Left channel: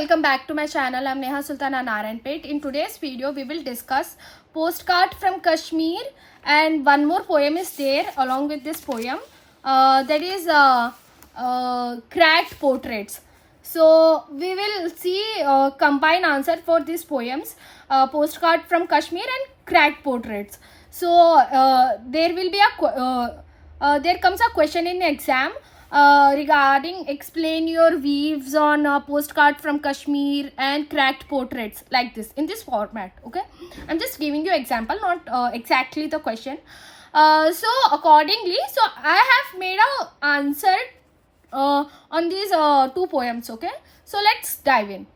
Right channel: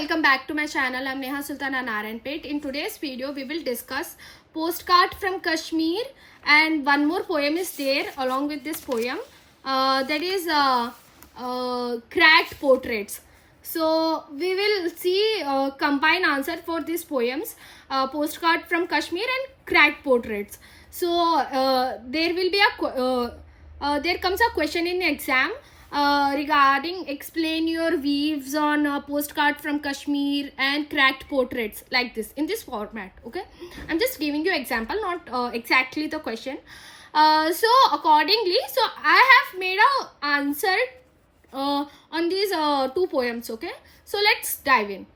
welcome back to my channel. I'm Neha Sultana Narayanpet. In today's video we will discuss postcard from Kashmir, and one more poem is there along with this poem, that is cracked portraits. So we will see combined answer for these poems, postcard from Kashmir and cracked portraits. So there will be there comes a question in exam regarding explain your views on postcard from Kashmir and cracked portraits, like this, in this format. Okay, I'm just giving you example, not exactly the question. So accordingly, so I have made a answer on these two poems. Okay, so let's dive in.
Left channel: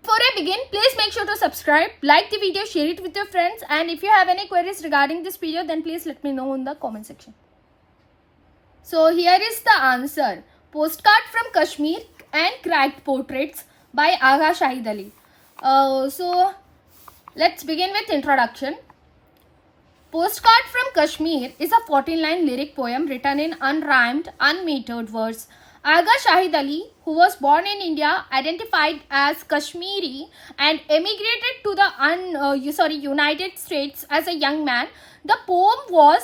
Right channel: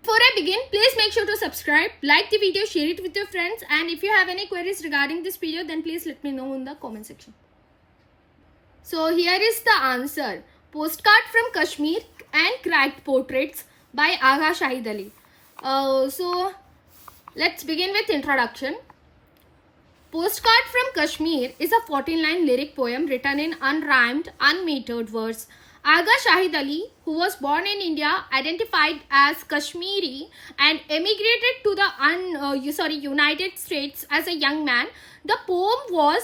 Before I begin, please make sure to subscribe, like the video, share it with your friends, and if you have any queries regarding this video, then please let me know in the comment section. So here is the answer: postcard from Kashmir and cracked portraits by Agha Shahid Ali. So let's begin with introduction. Postcard from Kashmir is a 14-line lyric poem written in unrhymed, unmetered verse. Agha Shahid Ali, who was born in India, identified as Kashmiri and emigrated to the United States as a young man. The poem was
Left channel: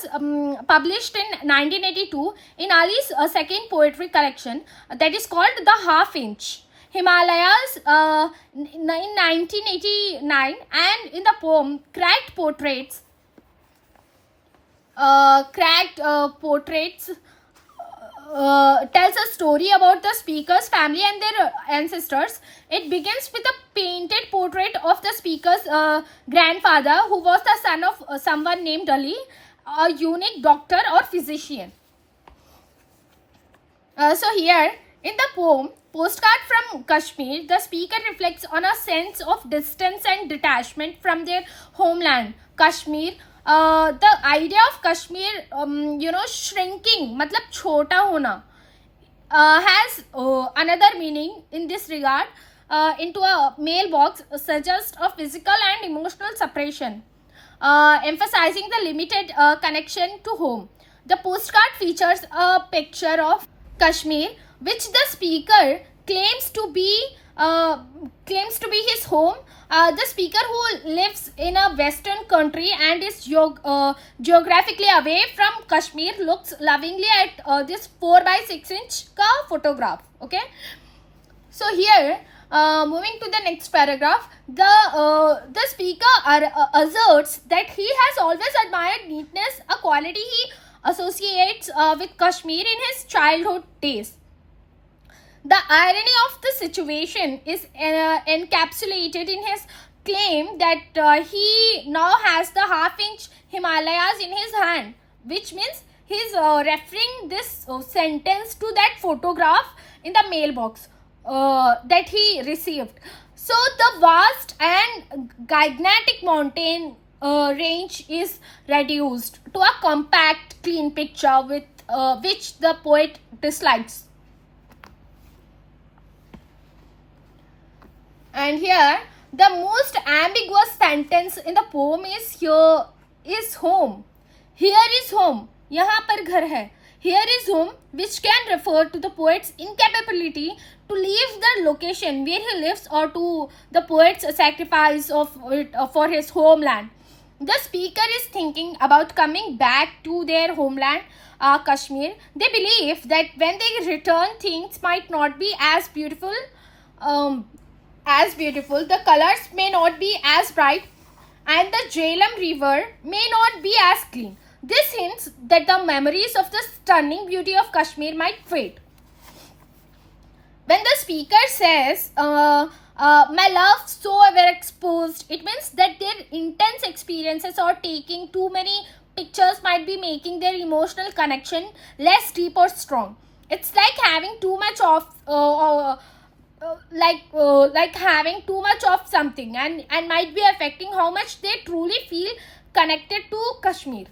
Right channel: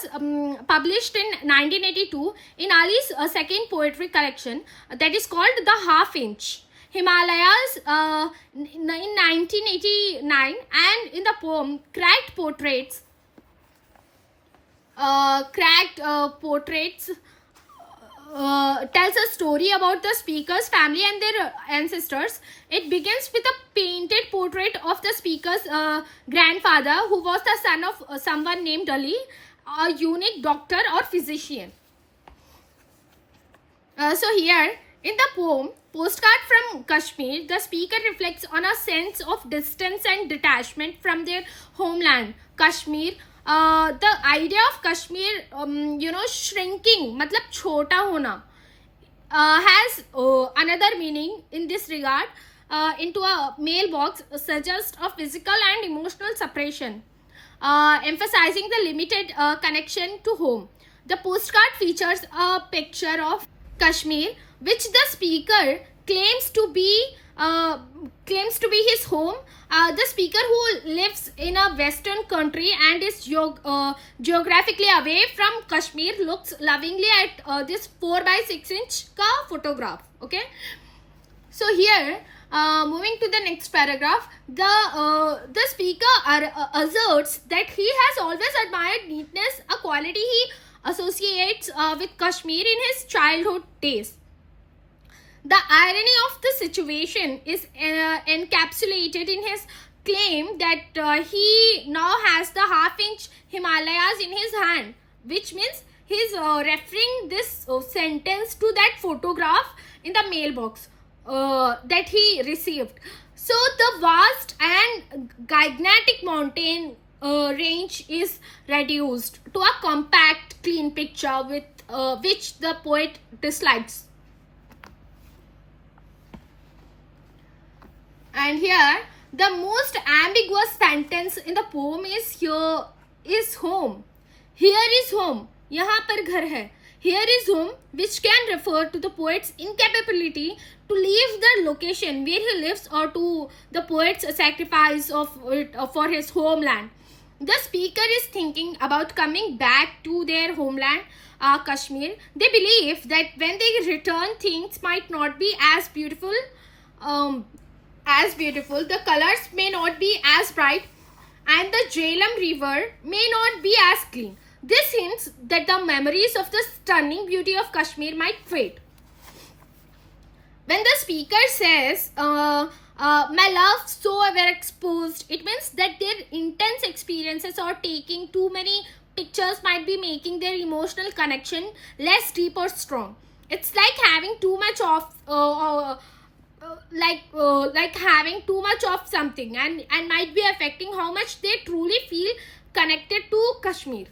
published in 1982 in Ali's second poetry collection, that is called The Half Inch Himalayas, in 1989, and in the poem Cracked Portraits, tells a story about the speaker's family and their ancestors. It begins with a painted portrait of the speaker's grandfather, who was the son of someone named Ali, a unique doctor or physician. So here in the poem Postcard from Kashmir, the speaker reflects on a sense of distance and detachment from their homeland, Kashmir. The idea of Kashmir, shrinking, matlab chota hona, has another meaning in this regard. Into a mailbox suggests a physical and emotional separation, emphasizing the limited connection to home. The postcard features a picture of Kashmir, which the speaker claims to be his home. The speaker, who lives in a western country and is geographically away from Kashmir, looks lovingly at this 4x6 inch ka photograph. Okay, so here moving to the next paragraph, the speaker asserts that he has always admired neatness, a quality he associates with Kashmir in his childhood days. The irony of the situation is encapsulated in his claim that he now has the half-inch Himalayas in his hand, which means he is referring this sentence to that photograph in the mailbox that he received. So the vast and gigantic mountain range is reduced to a compact, clean picture with which the poet dislikes. And here the most ambiguous sentence in the poem is here is home. Here is home. यहाँ पर घर है. Here is home, which can refer to the poet's incapability to leave the location where he lives, or to the poet's sacrifice of it for his homeland. The speaker is thinking about coming back to their homeland, Kashmir. They believe that when they return, things might not be as beautiful. The colors may not be as bright, and the Jhelum river may not be as clean. This hints that the memories of the stunning beauty of Kashmir might fade. When the speaker says, my love so overexposed, it means that their intense experiences or taking too many pictures might be making their emotional connection less deep or strong. It's like having too much of like having too much of something, and might be affecting how much they truly feel connected to Kashmir.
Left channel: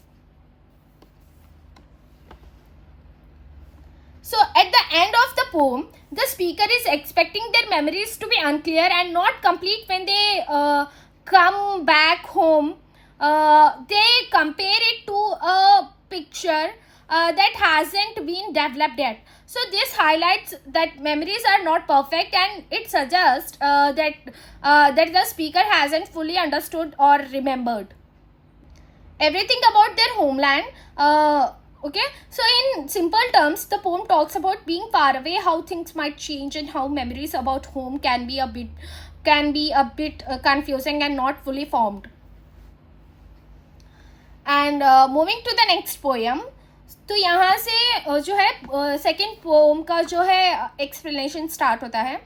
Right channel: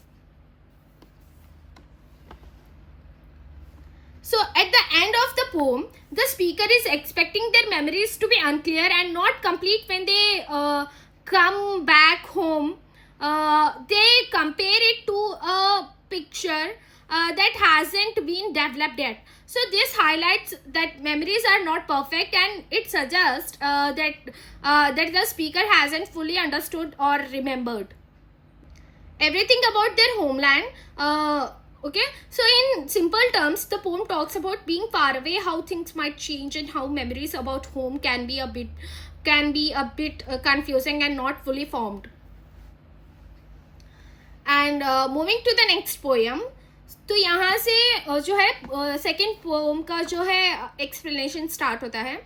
So at the end of the poem, the speaker is expecting their memories to be unclear and not complete when they come back home. They compare it to a picture that hasn't been developed yet. So this highlights that memories are not perfect, and it suggests that the speaker hasn't fully understood or remembered everything about their homeland. Okay, so in simple terms, the poem talks about being far away, how things might change, and how memories about home can be a bit confusing and not fully formed. And moving to the next poem, तो यहाँ से जो है second pome का जो है explanation start होता है.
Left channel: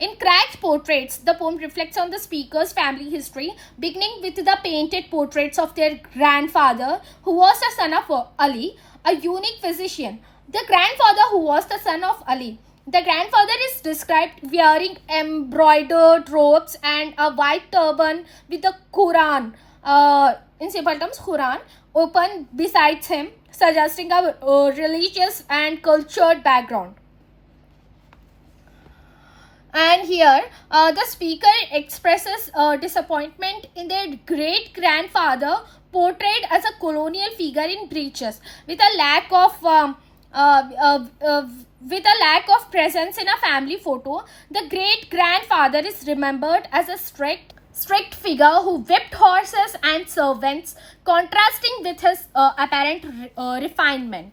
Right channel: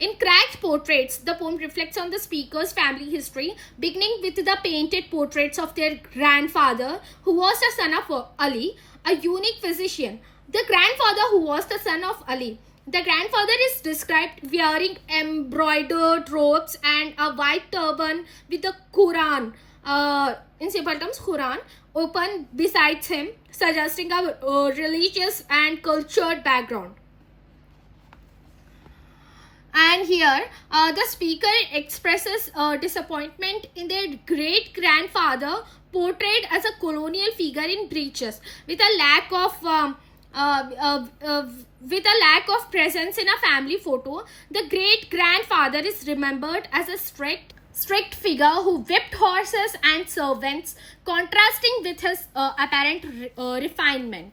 In cracked portraits, the poem reflects on the speaker's family history, beginning with the painted portraits of their grandfather, who was the son of Ali, a unique physician. The grandfather who was the son of Ali. The grandfather is described wearing embroidered robes and a white turban with the Quran, in simple terms, Quran, open beside him, suggesting a religious and cultured background. And here, the speaker expresses disappointment in their great-grandfather portrayed as a colonial figure in breeches, with a lack of presence in a family photo. The great-grandfather is remembered as a strict figure who whipped horses and servants, contrasting with his apparent refinement.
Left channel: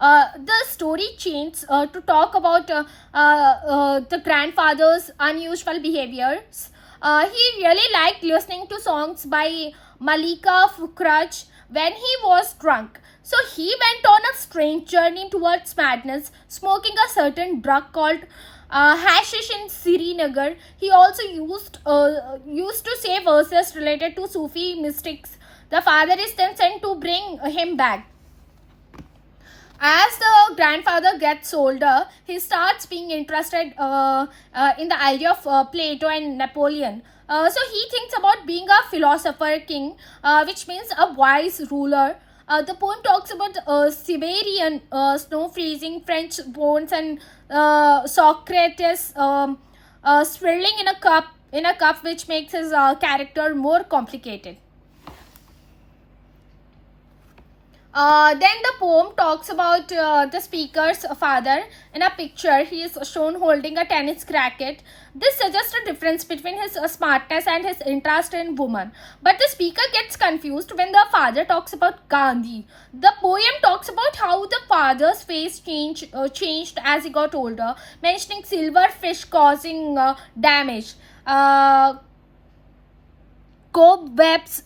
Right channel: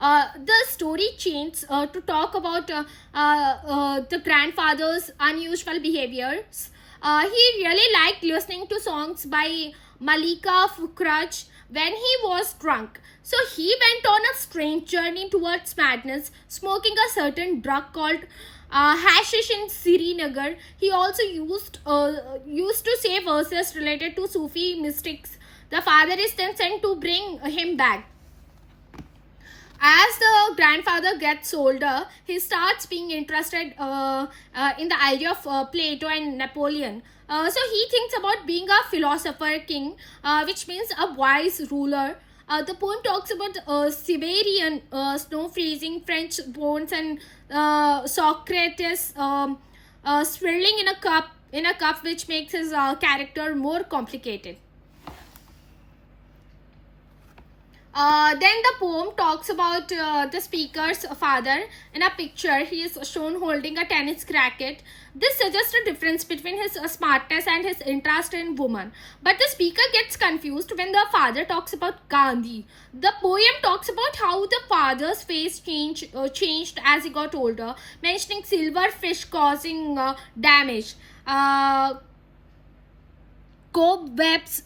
The story changes to talk about the grandfather's unusual behaviors. He really liked listening to songs by Malika Fukraj when he was drunk. So he went on a strange journey towards madness, smoking a certain drug called hashish in Srinagar. He also used to say verses related to Sufi mystics. The father is then sent to bring him back. As the grandfather gets older, he starts being interested in the idea of Plato and Napoleon. So he thinks about being a philosopher king, which means a wise ruler. The poem talks about Siberian snow freezing, French bones, and Socrates swirling in a cup, which makes his character more complicated. Then the poem talks about the speaker's father. In a picture, he is shown holding a tennis racket. This suggests a difference between his smartness and his interest in women. But the speaker gets confused when the father talks about Gandhi. The poem talks about how the father's face changed as he got older, mentioning silver fish causing damage. Cobwebs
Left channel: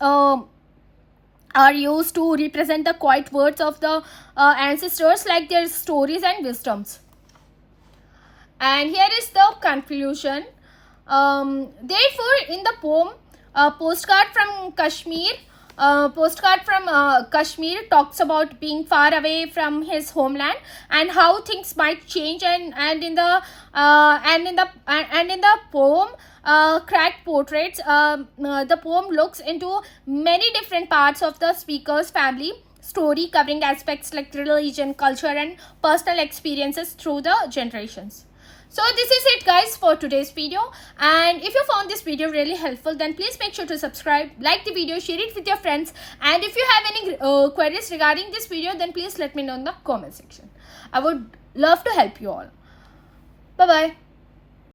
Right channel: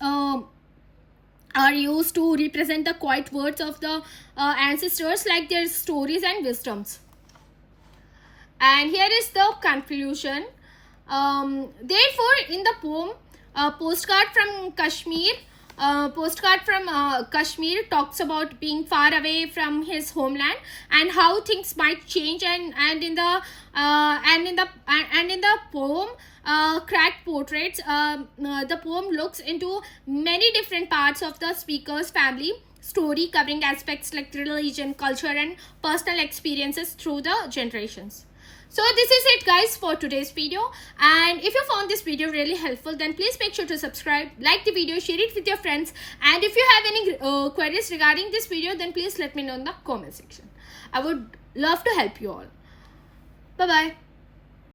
are used to represent the quiet words of the ancestors, like their stories and wisdoms. And here is the conclusion. Therefore, in the poem, Postcard from Kashmir talks about being far away from his homeland and how things might change. And in the poem, Cracked Portraits, the poem looks into many different parts of the speaker's family story, covering aspects like religion, culture, and personal experiences through the generations. So this is it, guys, for today's video. And if you found this video really helpful, then please make sure to subscribe, like the video, share it with your friends. And if you have any queries regarding this video, then please let me know in the comment section. I would love to help you all. Bye bye.